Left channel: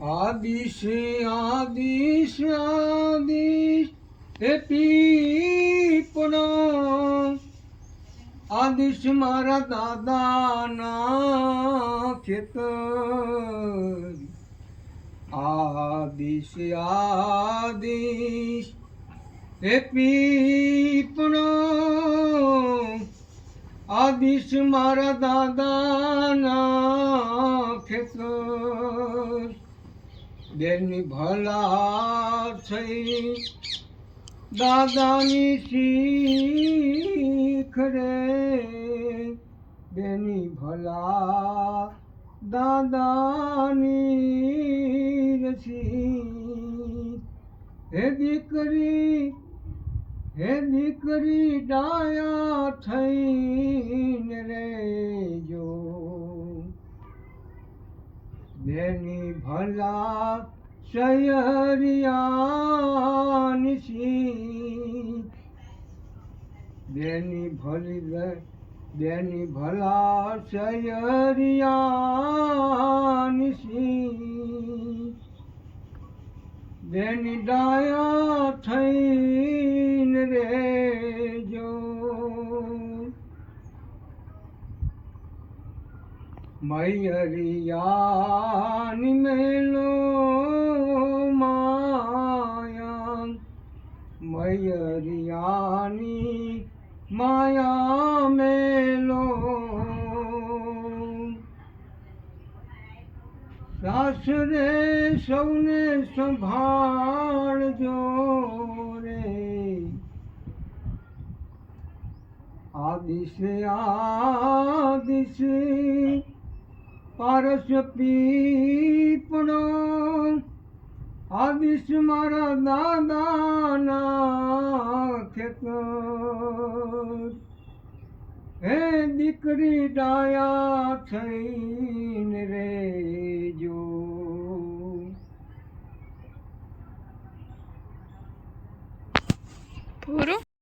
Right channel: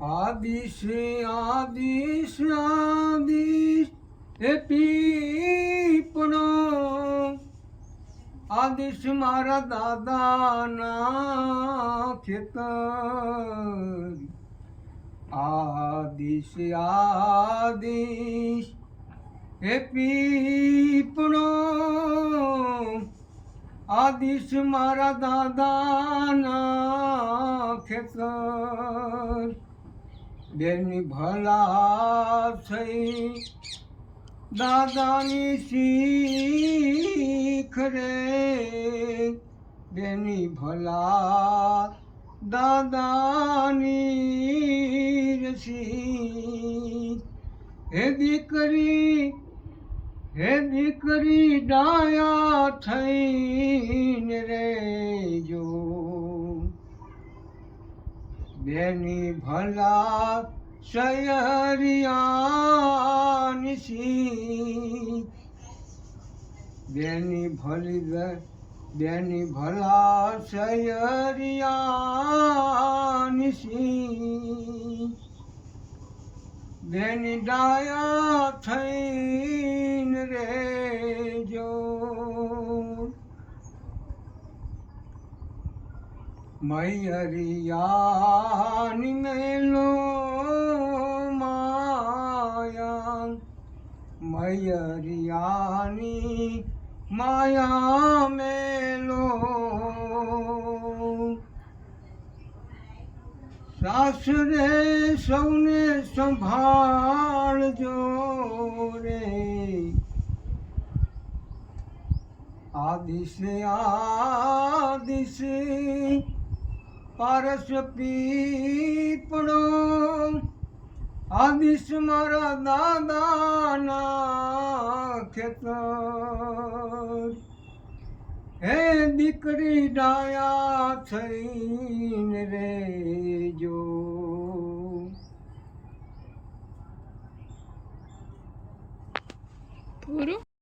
આદિશ આદિશ આદિશ એ પીપળો આદિશ મારા દાદાના ખેતર આદિશ આદિશ એ પીપળો આદિશ મારા દાદાના ખેતર બેની ભલા થઈ દાદાની શીખ રે બેની ભલા દાદાની રસી હે દીકરી ડાયા થઈને રેજો બેની ભલા શયરિયાની શીખ બેની ભલા શયરિયાની શીખ બેની ડાયા થઈને રેજો મૈયરિયાની મેલો માયા મૈયરિયાની માયા મેલો સાસરે સૌને સંભાળજો રે આદિશે પારસ પીપળો આદિશ મારા દાદાના ખેતર હે દીકરી ડાયા થઈને રેજો પૂરું.